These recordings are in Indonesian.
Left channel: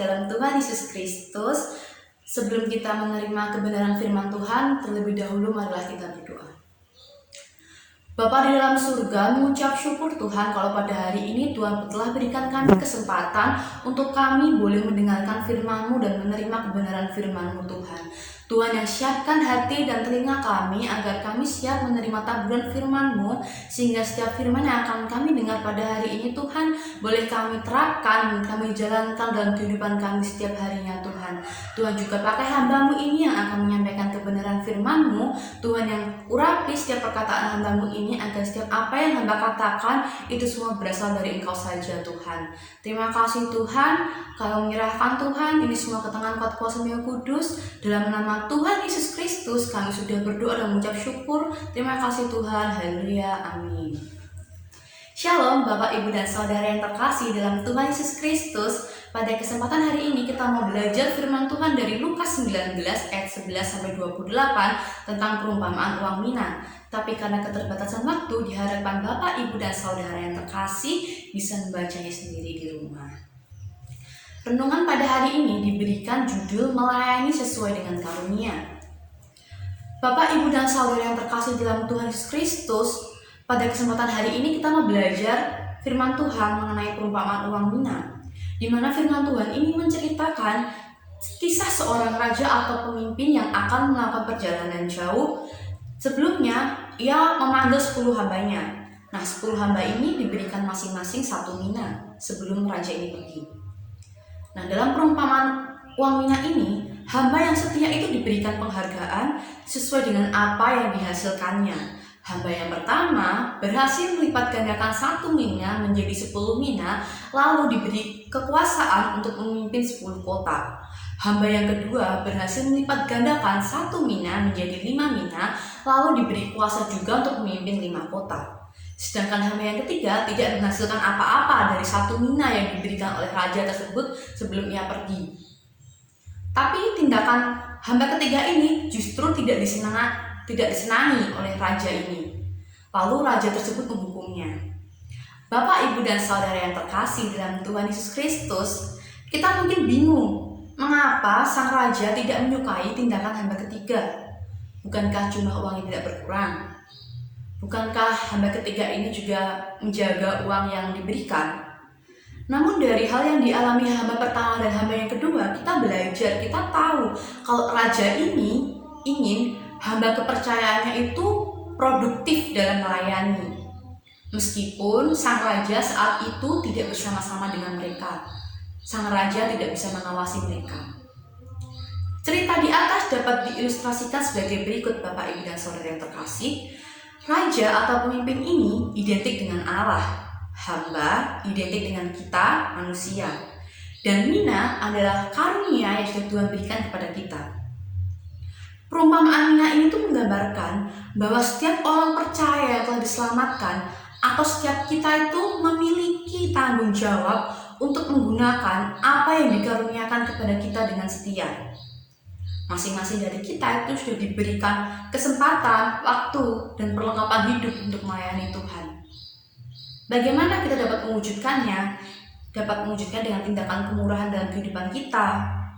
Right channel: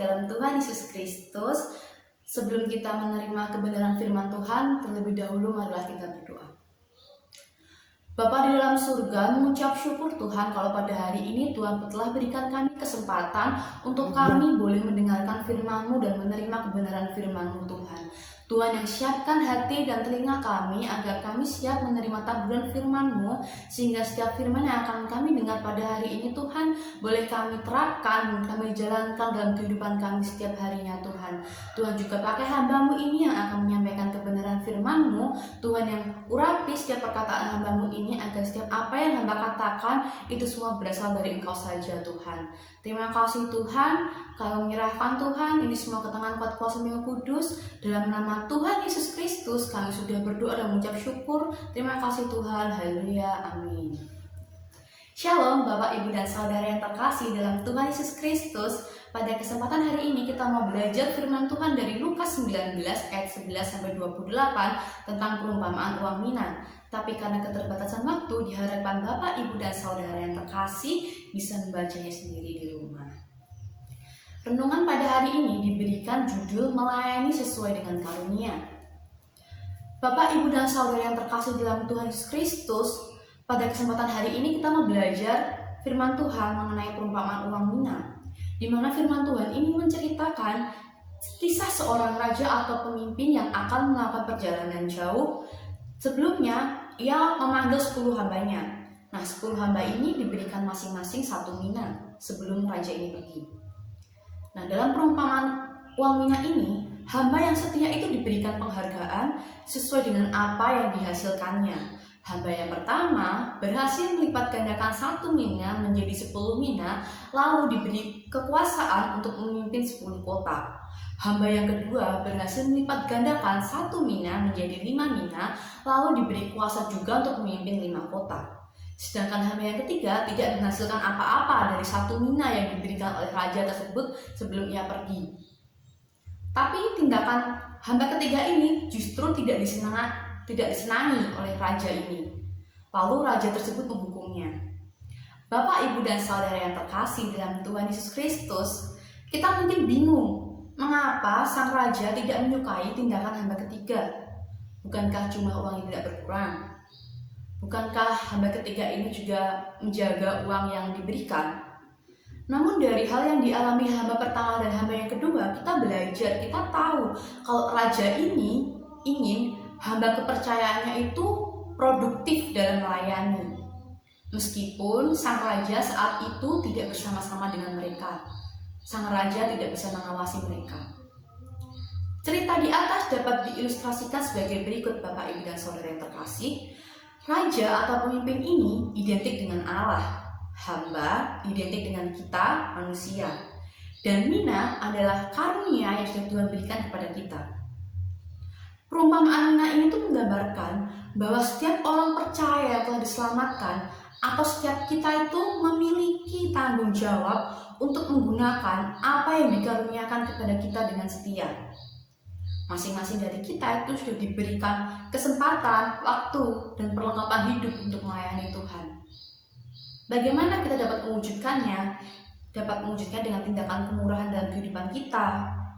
dalam Tuhan Yesus Kristus, sebelum kita menerima kebenaran firman Tuhan, terlebih dahulu marilah kita berdoa. Bapa di dalam surga, mengucap syukur Tuhan kalau pada hari ini Tuhan telah berikan kami kesempatan untuk kami boleh mendengarkan firman-Mu dan menerima kebenaran firman-Mu Tuhan. Tuhan yang siapkan hati dan telinga kami agar kami siap menerima taburan firman-Mu, sehingga setiap firman yang akan kami dengar pada hari ini Tuhan boleh kami terapkan, kami jalankan dalam kehidupan kami setiap harinya Tuhan. Tuhan juga pakai hamba-Mu ini yang akan menyampaikan kebenaran firman-Mu, Tuhan yang urapi setiap perkataan hamba-Mu ini agar setiap apa yang hamba katakan itu semua berasal dari Engkau saja Tuhan. Terima kasih Tuhan, kalau menyerahkan Tuhan ini semua ke tangan kuat kuasa Yang Kudus, dalam nama Tuhan Yesus Kristus kami sudah berdoa dan mengucap syukur. Terima kasih Tuhan, haleluya, amin. Shalom Bapak Ibu dan Saudara yang terkasih dalam Tuhan Yesus Kristus. Pada kesempatan hari ini kita mau belajar firman Tuhan dari Lukas 19 ayat 11-28 tentang perumpamaan uang mina. Tapi karena keterbatasan waktu, diharapkan Bapak, Ibu, dan Saudara yang terkasih bisa membacanya sendiri di rumah. Renungan pada hari ini diberikan judul melayani sesuai dengan karunia. Bapak, Ibu, dan Saudara yang terkasih dalam Tuhan Yesus Kristus, pada kesempatan hari ini kita mau belajar firman Tuhan mengenai perumpamaan uang mina, di mana firman Tuhan ini menceritakan kisah seorang raja atau pemimpin yang akan melakukan perjalanan jauh. Sebelumnya, ia memanggil 10 hambanya. Nah, 10 hamba ini diberikan masing-masing 1 mina sebelum raja ini pergi. Nah, dalam perumpamaan uang mina ini, hamba yang setia itu diberikan penghargaan sesuai dengan apa yang dihasilkannya. Hamba yang pertama berhasil melipat gandakan 1 mina menjadi 10 mina, lalu diberi kekuasaan untuk memimpin 10 kota. Hamba yang kedua berhasil melipat gandakan 1 mina menjadi 5 mina, lalu diberi kuasa juga untuk memimpin 5 kota. Sedangkan hamba yang ketiga tidak menghasilkan apa-apa dari 1 mina yang diberikan oleh raja tersebut sebelum ia pergi. Tapi tindakan hamba ketiga ini justru tidak disenangi oleh raja ini. Lalu raja tersebut menghukumnya. Bapak, Ibu, dan Saudara yang terkasih dalam Tuhan Yesus Kristus, kita mungkin bingung mengapa sang raja tidak menyukai tindakan hamba ketiga. Bukankah jumlah uang yang tidak berkurang? Bukankah hamba ketiga ini juga menjaga uang yang diberikan? Namun dari hal yang dialami hamba pertama dan hamba yang kedua, kita belajar, kita tahu kalau raja ini ingin hamba kepercayaannya itu produktif dalam melayani. Meskipun sang raja saat itu tidak bersama-sama dengan mereka, sang raja tidak bisa mengawasi mereka. Cerita di atas dapat diilustrasikan sebagai berikut Bapak, Ibu, dan Saudara yang terkasih. Raja atau pemimpin ini identik dengan Allah, hamba identik dengan kita, manusia, dan mina adalah karunia yang sudah Tuhan berikan kepada kita. Perumpamaan mina ini tuh menggambarkan bahwa setiap orang percaya yang telah diselamatkan atau setiap kita itu memiliki tanggung jawab untuk menggunakan apa yang dikaruniakan kepada kita dengan setia. Masing-masing dari kita itu sudah diberikan kesempatan, waktu, dan perlengkapan hidup untuk melayani Tuhan. Bagaimana kita dapat mewujudkannya? Dapat mewujudkan dengan tindakan kemurahan dalam kehidupan kita,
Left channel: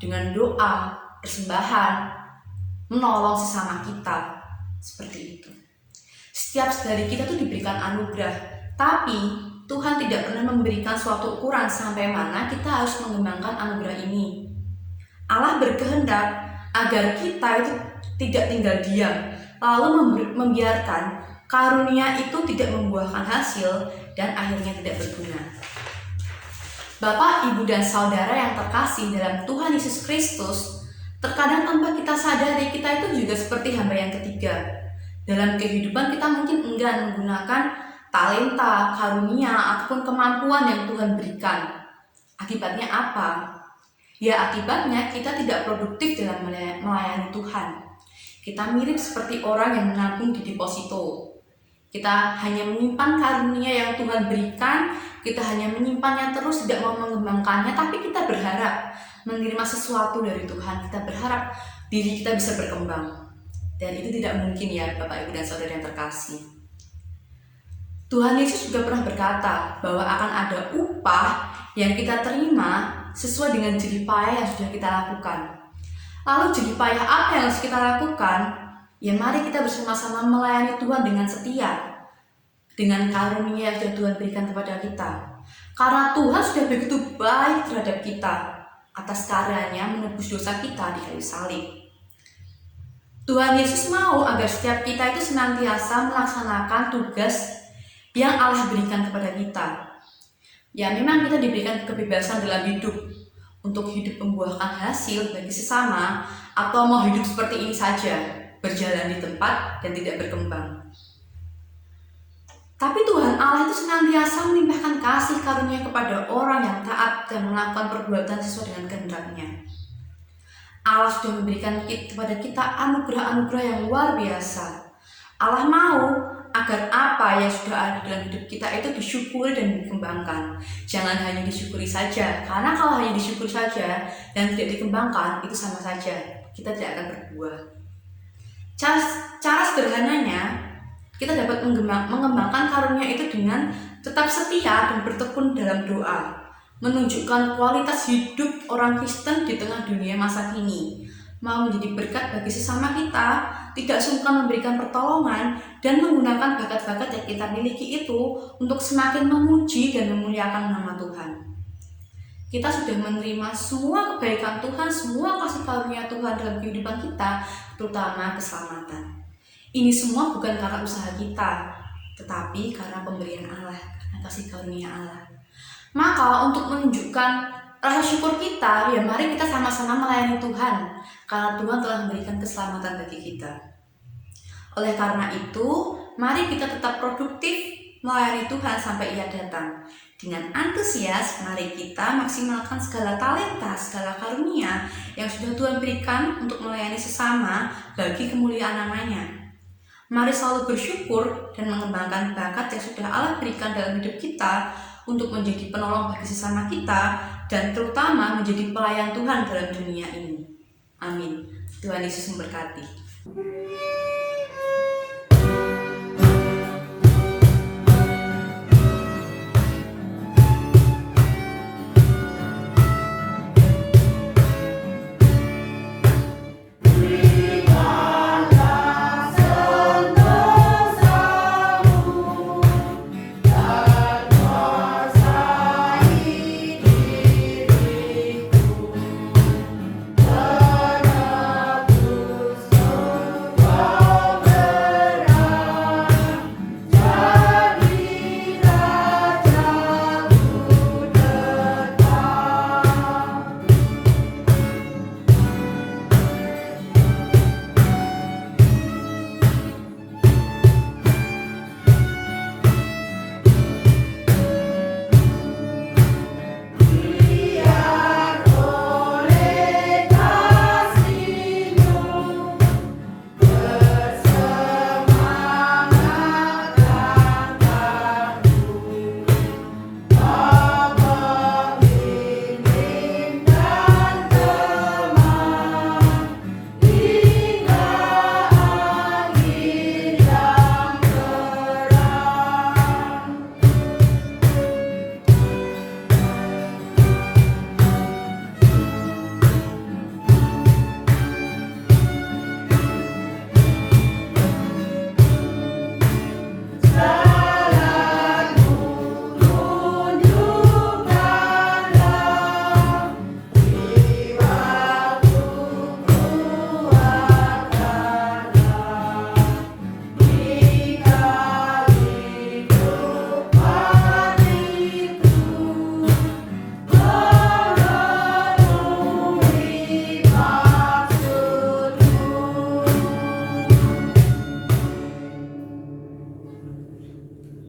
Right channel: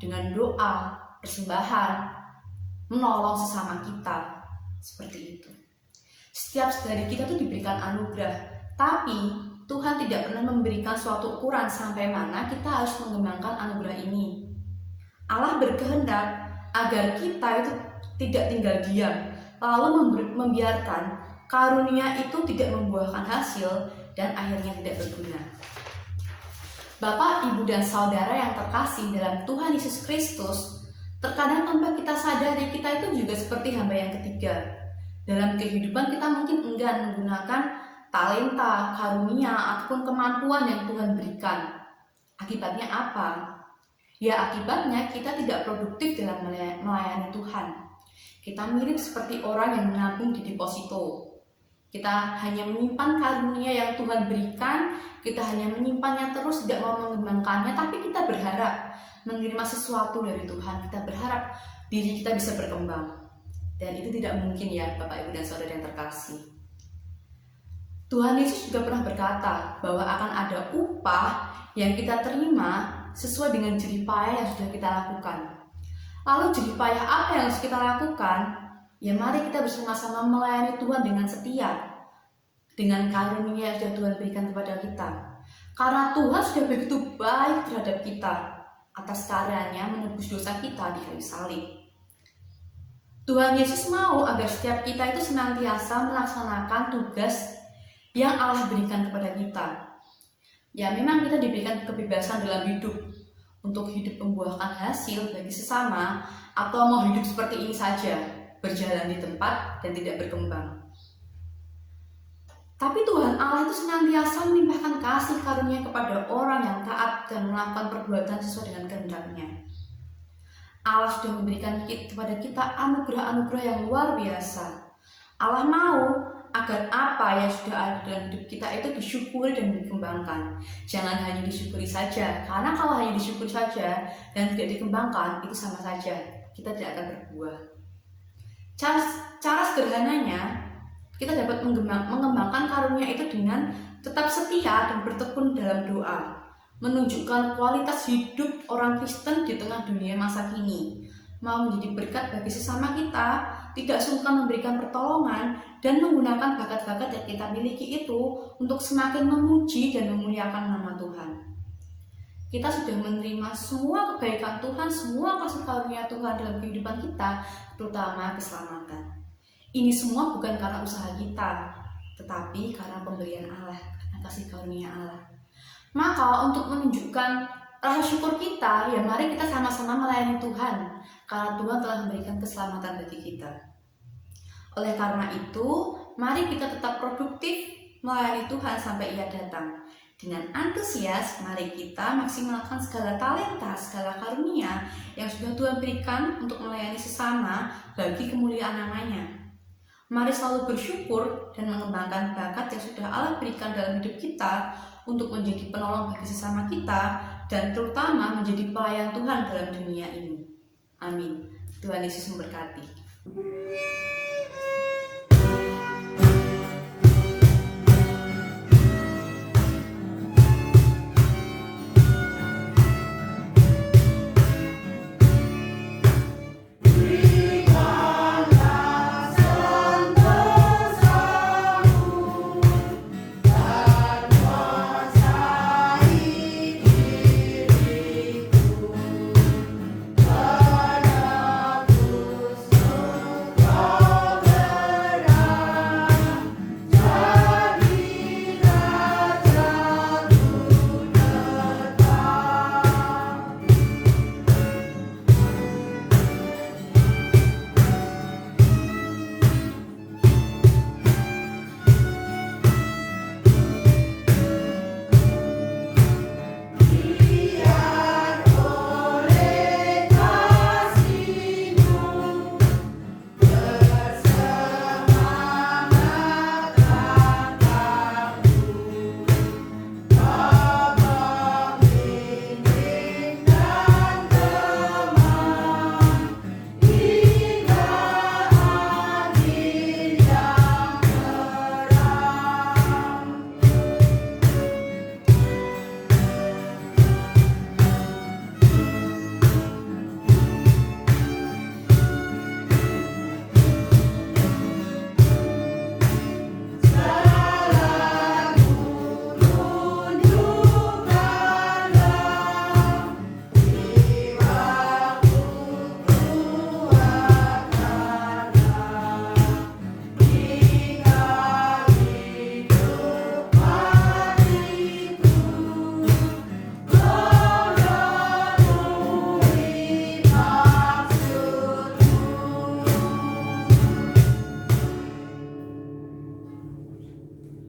dengan doa, persembahan, menolong sesama kita, seperti itu. Setiap dari kita itu diberikan anugerah, tapi Tuhan tidak pernah memberikan suatu ukuran sampai mana kita harus mengembangkan anugerah ini. Allah berkehendak agar kita itu tidak tinggal diam, lalu membiarkan karunia itu tidak membuahkan hasil dan akhirnya tidak berguna. Bapak, Ibu, dan Saudara yang terkasih dalam Tuhan Yesus Kristus, terkadang tanpa kita sadari kita itu juga seperti hamba yang ketiga. Dalam kehidupan kita mungkin enggan menggunakan talenta, karunia, ataupun kemampuan yang Tuhan berikan. Akibatnya apa? Ya, akibatnya kita tidak produktif dalam melayani Tuhan. Kita mirip seperti orang yang menabung di deposito. Kita hanya menyimpan karunia yang Tuhan berikan, kita hanya menyimpannya terus, tidak mau mengembangkannya, tapi kita berharap menerima sesuatu dari Tuhan. Kita berharap diri kita bisa berkembang. Dan itu tidak mungkin ya Bapak, Ibu, dan Saudara yang terkasih. Tuhan Yesus juga pernah berkata bahwa akan ada upah yang kita terima sesuai dengan jerih payah yang sudah kita lakukan. Lalu jerih payah apa yang harus kita lakukan? Ya mari kita bersama-sama melayani Tuhan dengan setia, dengan karunia yang sudah Tuhan berikan kepada kita. Karena Tuhan sudah begitu baik terhadap kita atas karyanya menebus dosa kita di kayu salib. Tuhan Yesus mau agar setiap kita itu senantiasa melaksanakan tugas yang Allah berikan kepada kita. Ya memang kita diberikan kebebasan dalam hidup untuk hidup membuahkan hasil bagi sesama, atau mau hidup seperti ini saja, berjalan di tempat dan tidak berkembang. Tapi Tuhan Allah itu senantiasa melimpahkan kasih karunia kepada orang yang taat dan melakukan perbuatan sesuai dengan kehendak-Nya. Allah sudah memberikan kepada kita anugerah-anugerah yang luar biasa. Allah mau agar apa yang sudah ada dalam hidup kita itu disyukuri dan dikembangkan. Jangan hanya disyukuri saja, karena kalau hanya disyukuri saja dan tidak dikembangkan, itu sama saja, kita tidak akan berbuah. Cara sederhananya, kita dapat mengembangkan karunia itu dengan tetap setia dan bertekun dalam doa, menunjukkan kualitas hidup orang Kristen di tengah dunia masa kini, mau menjadi berkat bagi sesama kita, tidak sungkan memberikan pertolongan, dan menggunakan bakat-bakat yang kita miliki itu untuk semakin memuji dan memuliakan nama Tuhan. Kita sudah menerima semua kebaikan Tuhan, semua kasih karunia Tuhan dalam kehidupan kita, terutama keselamatan. Ini semua bukan karena usaha kita, tetapi karena pemberian Allah, karena kasih karunia Allah. Maka untuk menunjukkan rasa syukur kita, ya mari kita sama-sama melayani Tuhan, karena Tuhan telah memberikan keselamatan bagi kita. Oleh karena itu, mari kita tetap produktif melayani Tuhan sampai Ia datang. Dengan antusias, mari kita maksimalkan segala talenta, segala karunia yang sudah Tuhan berikan untuk melayani sesama bagi kemuliaan nama-Nya. Mari selalu bersyukur dan mengembangkan bakat yang sudah Allah berikan dalam hidup kita untuk menjadi penolong bagi sesama kita dan terutama menjadi pelayan Tuhan dalam dunia ini. Amin. Tuhan Yesus memberkati.